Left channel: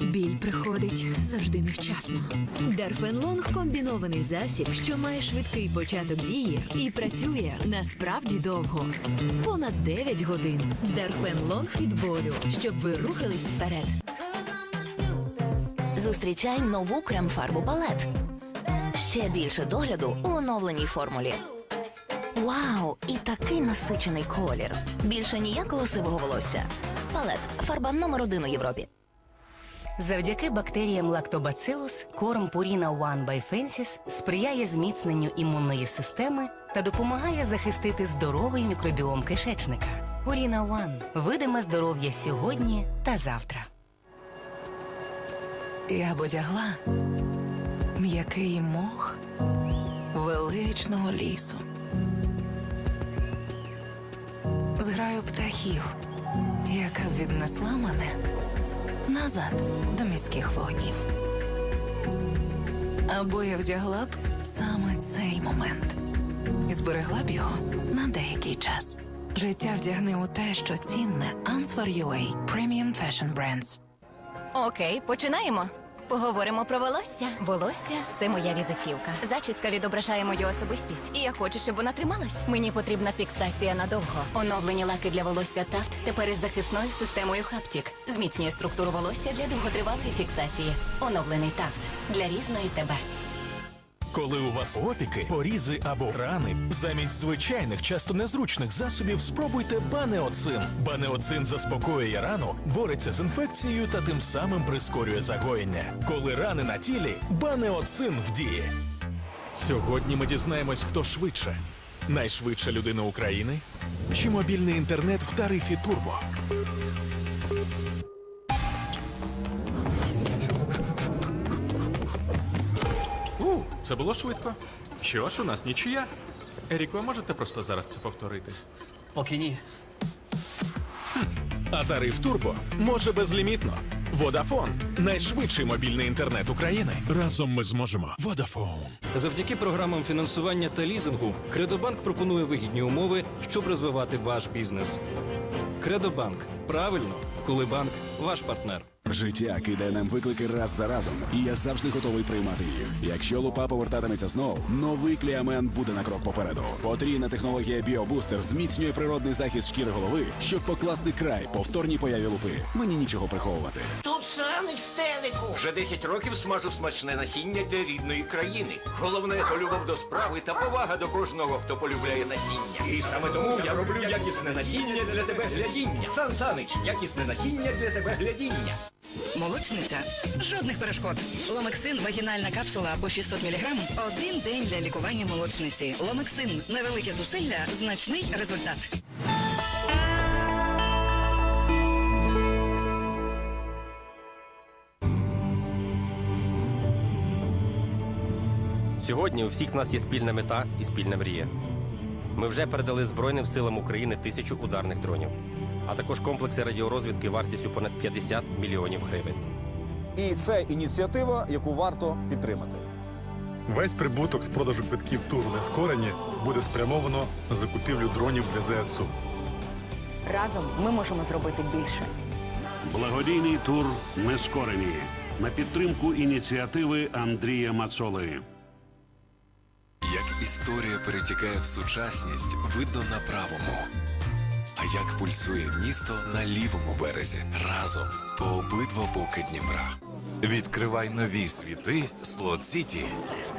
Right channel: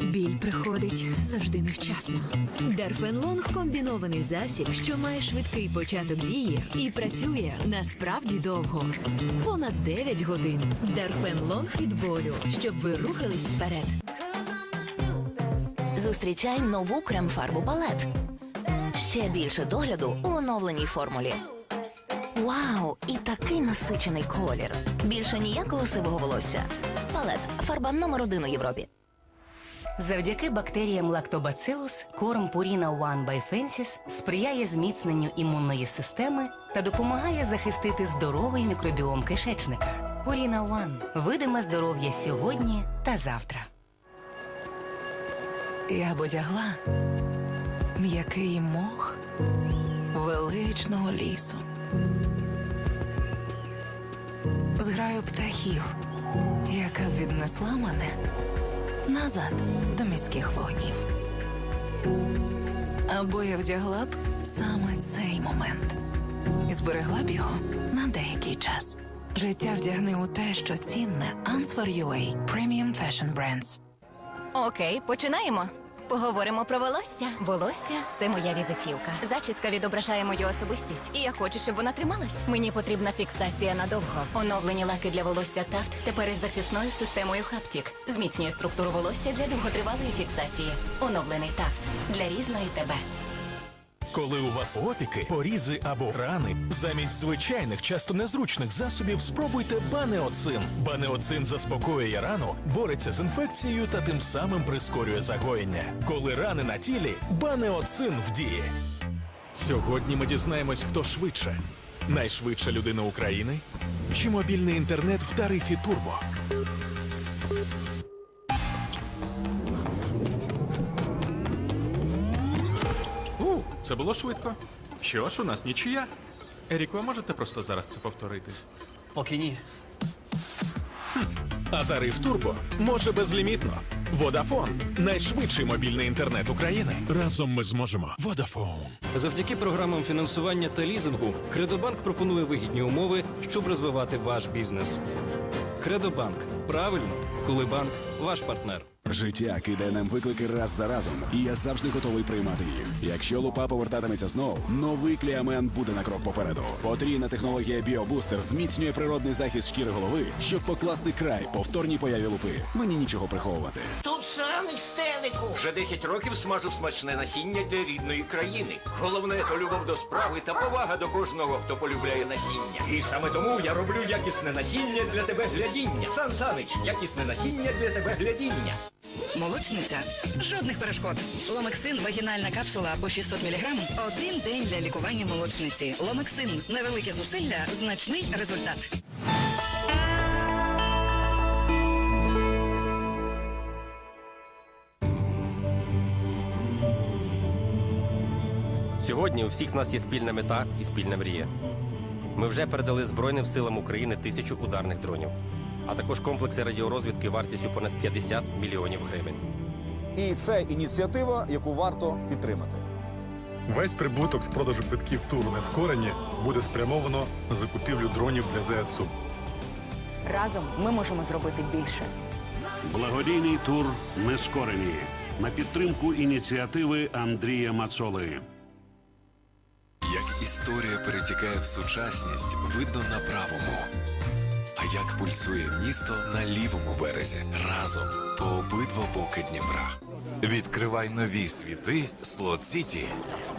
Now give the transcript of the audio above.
Біль приходить завжди невчасно. Дарфенлонг комбінований засіб, що має швидкий початок дії і працює насправді довго. Понад 9 годин. Дарфенлонг від болю, щоб ви рухались вперед. Зустрічай нову крем-фарбу палет. Ще більше догляду у оновленій формулі. Вау! І такий насичений колір. Більше ніякого сивого волосся. Палет фарба номер один у Європі. Завдяки бактеріям лактобацилус корм Purina One by Fences сприяє зміцненню імунної системи та допомагає захистити здоровий мікробіом кишечника. Purina One – видиме здоров'я сьогодні та завтра. Я б одягла м'який мох величного лісу. Зграю птахів, назад до міських вогнів. Або я вдягла б саме цей момент і зберегла б його на деякий час. Життя вдягне у те, що цінне Answer UA Premium Fashion Brands. Окей, починаємо. Поговоримо про волосся. Волосся це моя візитівка. Зачіска відображає мою особистість, і я хочу, щоб вона трималась. Мені потрібна фіксація надовго. Оновлені лаки для волосся Тафт тепер із захисною системою Хаптік. Зміцнює структуру волосся для довготривалої фіксації. Оновлений Тафт для різної тебе. Коли у вас опіки, порізи або рани, замість звичайних, часто незручних засобів спробуйте банеоцин. Банеоцин заспокоює рану, бореться з інфекцією та тим самим прискорює загоєння. Коли рани на тілі, банеоцин в дії. Сьогодні ми дізнаємось, хто швидше. Найшвидша людина України чи мобільний інтернет в тарифі Турбо. Це було швидко. Що ж, у нас нічия. Еріко, можете просто зараз це повторити? Поки ні. А тариф Турбо може безлімітно. Водафон найшвидший мобільний інтернет України. Разом ми зможемо. Водафон. Завдяки програмам фінансування та лізингу Кредобанк пропонує вигідні умови, щоб розвивати ваш бізнес. Кредобанк правильно, коли банк ваш партнер. Життя кидає нам виклики раз за разом, і я завжди готовий приймати їх. Якщо лупа повертатиметься знов, новий кліамен буде на крок попереду. Потрійна технологія Біобустер зміцнює природний захист шкіри голови, щоб покласти край повторній появі лупи. Мені нічого приховувати. Тут самий стелику. Вже 10 років смажу смачне насіння для рідної країни. Головне любов до справи та повага до кожного, хто полюбляє насіння. І саме тому я роблю якісне насіння для тебе глядіння. Сан Санич, якісне насіння для тебе глядіння. Молочниця. Жодних перешкод. Ломексин вагінальна капсула по 600 мг. Один день для лікування молочниці. Ломексин. Невелике зусилля, значний результат. Сьогодні у всіх нас є спільна мета і спільна мрія. Ми вже передали Збройним силам України тисячу ударних дронів, а також комплекси радіорозвідки вартістю понад 50 мільйонів гривень. І це ініціатива, яку варто підтримати. Весь прибуток з продажу квитків туру нескорені буде спрямовано на закупівлю дронів для ЗСУ. Разом ми можемо зробити більше. Благодійний тур Нескорені на підтримку ініціативи Андрія Мацоли. Як історія перетікає в сучасність, видно на правому. Як пульсує місто на лівому березі разом по обидва боки Дніпра. Відкривай нові світи Слот Сіті.